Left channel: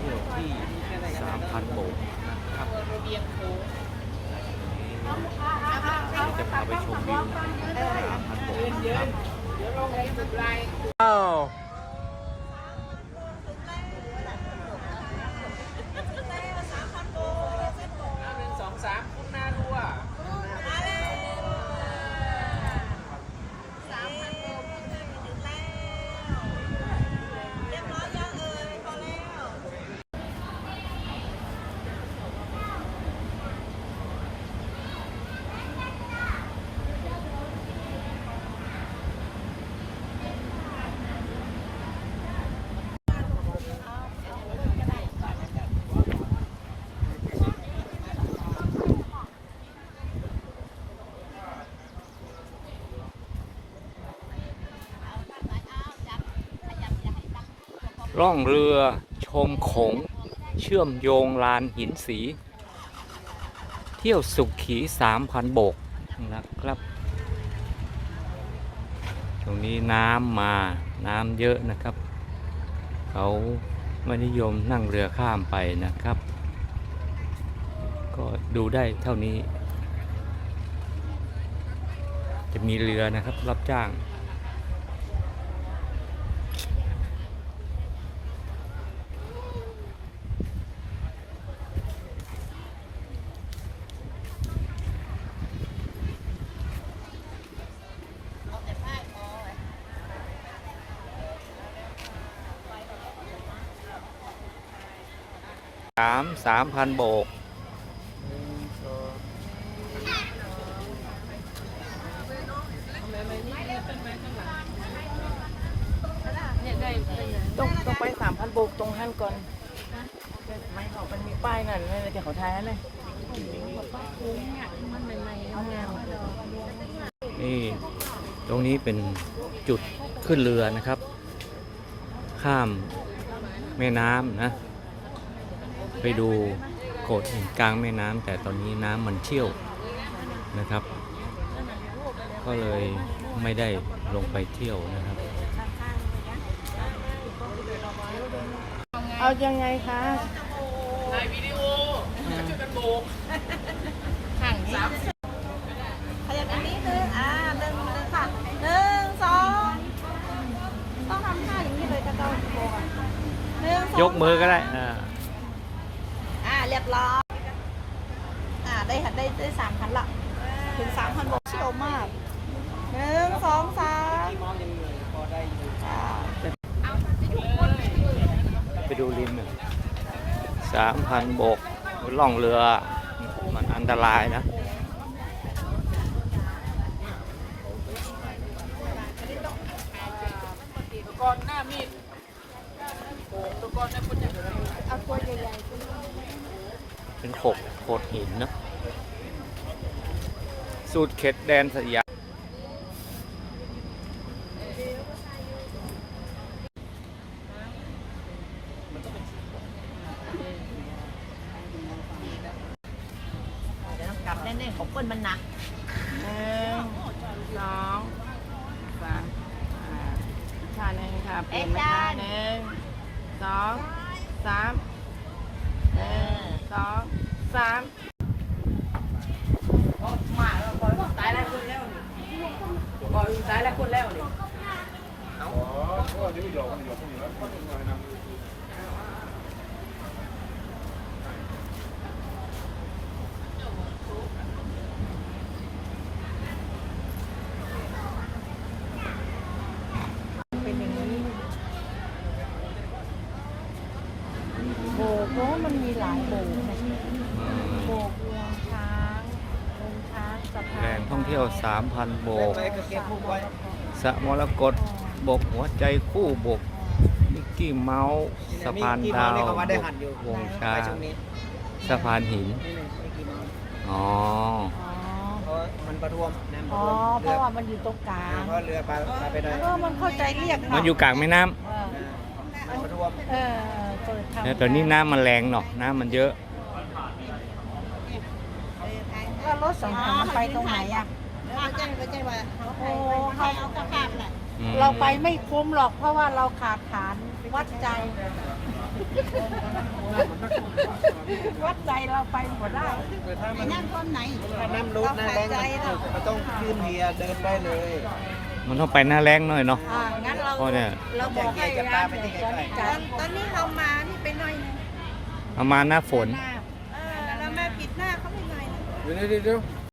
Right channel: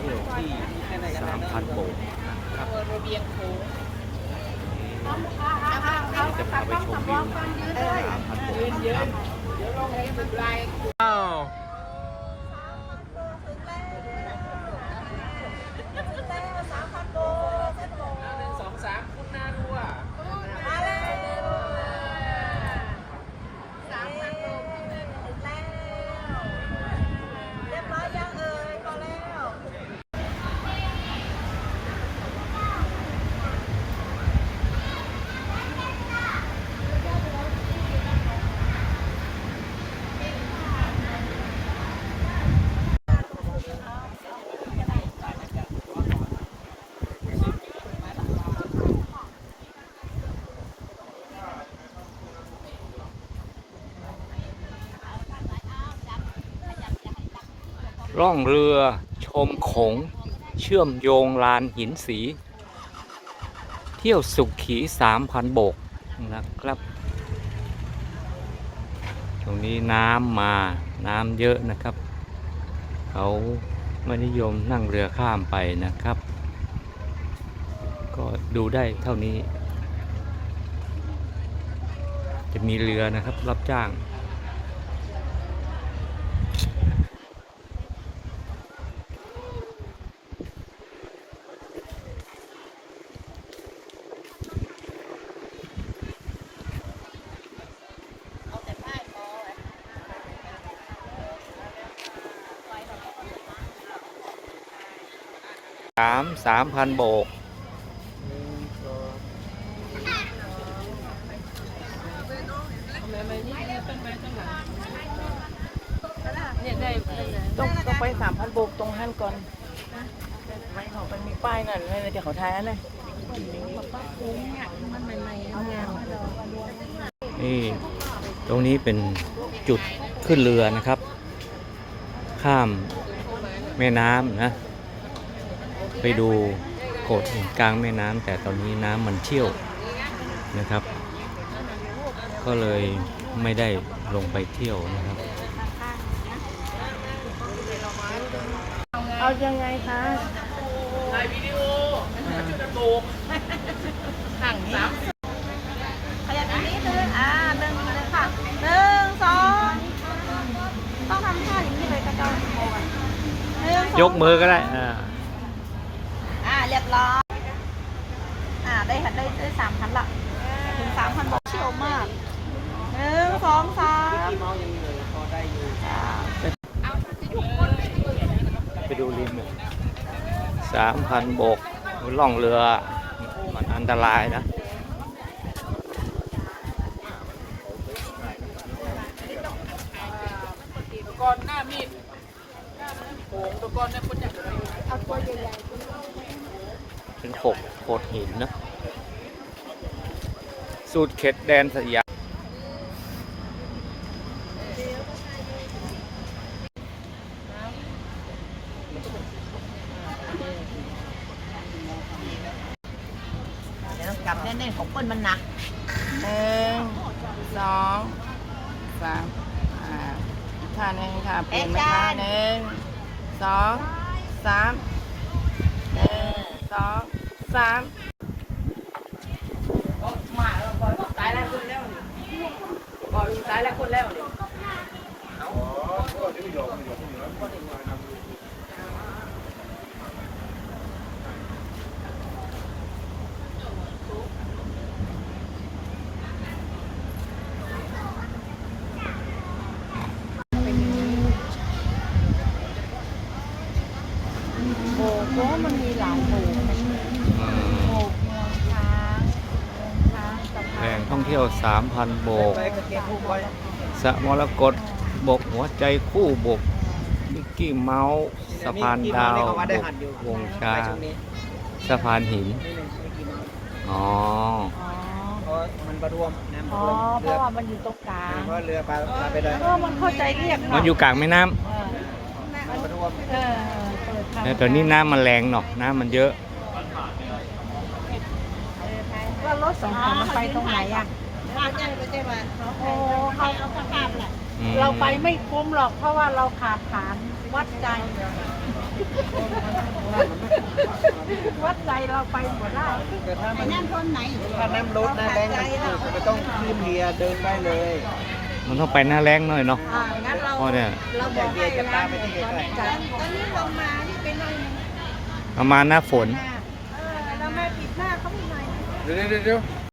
เที่ยวที่ 3,000โบกนะครับวันนี้จะพาไปชมวิวของ3,000โบกนะครับอ้าว สองสามคุณนารัว สามพันโลเรียบร้อยยังเอ่ยพอแล้ว ร่องเรือชมโขง เชื่อมโยงลานหินสี เที่ยวสุขขี3,000โบกนะครับ ตรงนี้น้ำมาน้ำเยอะนะครับ เขาไม่นิยมนั่งเรือข้ามไปนะครับ ก็ดูได้เท่านี้ จะมีเรือนะครับรับจ้างามสามพันโบก ต้องต้องไปสามพันโบกตรงหันก่อนไม่เขาตรงป้ายนั่นเลยจะเขาทายนั่นเลยนี่ตรงนี้เป็นจุดขึ้นเรือนะครับ ข้ามแม่น้ำนะ ไปดูโขดหินกลางแม่น้ำแต่ตอนนี้น้ำมันเชี่ยวนะครับ ก็เลยไม่ได้ลงไปเที่ยวนะครับ เอายังไงคะขยับตรงนี้หนึ่งอ่าหนึ่งเลยค่ะหนึ่งสองต้องทำท่าอย่างนี้เลยค่ะต้องหนึ่งสอง ยกมือก็ได้อ่า อ่าเรียบร้อยอ่าได้ค่ะได้ได้สามพันละถึงสามพันโลเชี่ยวมากหนึ่งสองสามไปดูริมสามพันโบกล่องเรือ มันอันตรายนะก่อนหน้ามีดโป่งตัวก่อนเนี่ยคนจะ เป็นโขดโขดหินนะสูตรเข็ดแดนสยามเดี๋ยวกลับแน่นๆของเปิ้ลมันหนักหนึ่งสองสามอ่าอีกท่าหนึงค่ะเปลี่ยนนะคะหนึ่งสองสาม สามโอ้มาแล้วปล่อยว่าตายแล้วคนแล้วนี่ปล่อยตายแล้วคนแล้วนี่ยบกเพราะว่ามันมีหลายโบก อืม โบกงวงช้างงวงช้างสะ แหพาล่นงท่องเที่ยว 3,000 โบกสระมรกตบกหัวใจคู่บกมิกกี้เมาส์สะพานดาวบกวงช้างสะพานหิน อ๋อ มันประท่วมน้ำปอ๋ระอท่วมเพเรือราะว่ามันอยู่ตรงกลางเพราะเรือปลาปลาไปได้เพราะมันเข้าใจเรียกมันอยู่กลางแม่น้มันประท่วม เออำแต่ตอนนี้น้ำมันแรงเนาะ น้ำมันเยอะ แล้วรถสองคันมันไปตรงไหนอะว่าแจ้งไปแจ้งว่าเขาโอ้ใครเอากระภาพแหละอืมเราไปไม่คุ้มหรอกเพราะว่าเราขาดฐานวัดใจ วัดใจเราไปหมดได้แต่ถ้าไอ้มันนั่นคนไหนถ้าน้ำลดนะแบงค์มันต้องขึ้นเฮียเดินได้เลยมันต้องไปหน้าแรงหน่อยเนาะอ่างั้นเราเพราะเนี่ยเราบอกให้ร้านหนึ่งตอนนี้จ่ายตอนนี้ลงมาที่ไปหน่อยนึงเอามาหน้าฝนหน้าเออเรามาปิดหน้าเขาไม่ไหวเดี๋ยว เดี๋ยวเดี๋ยว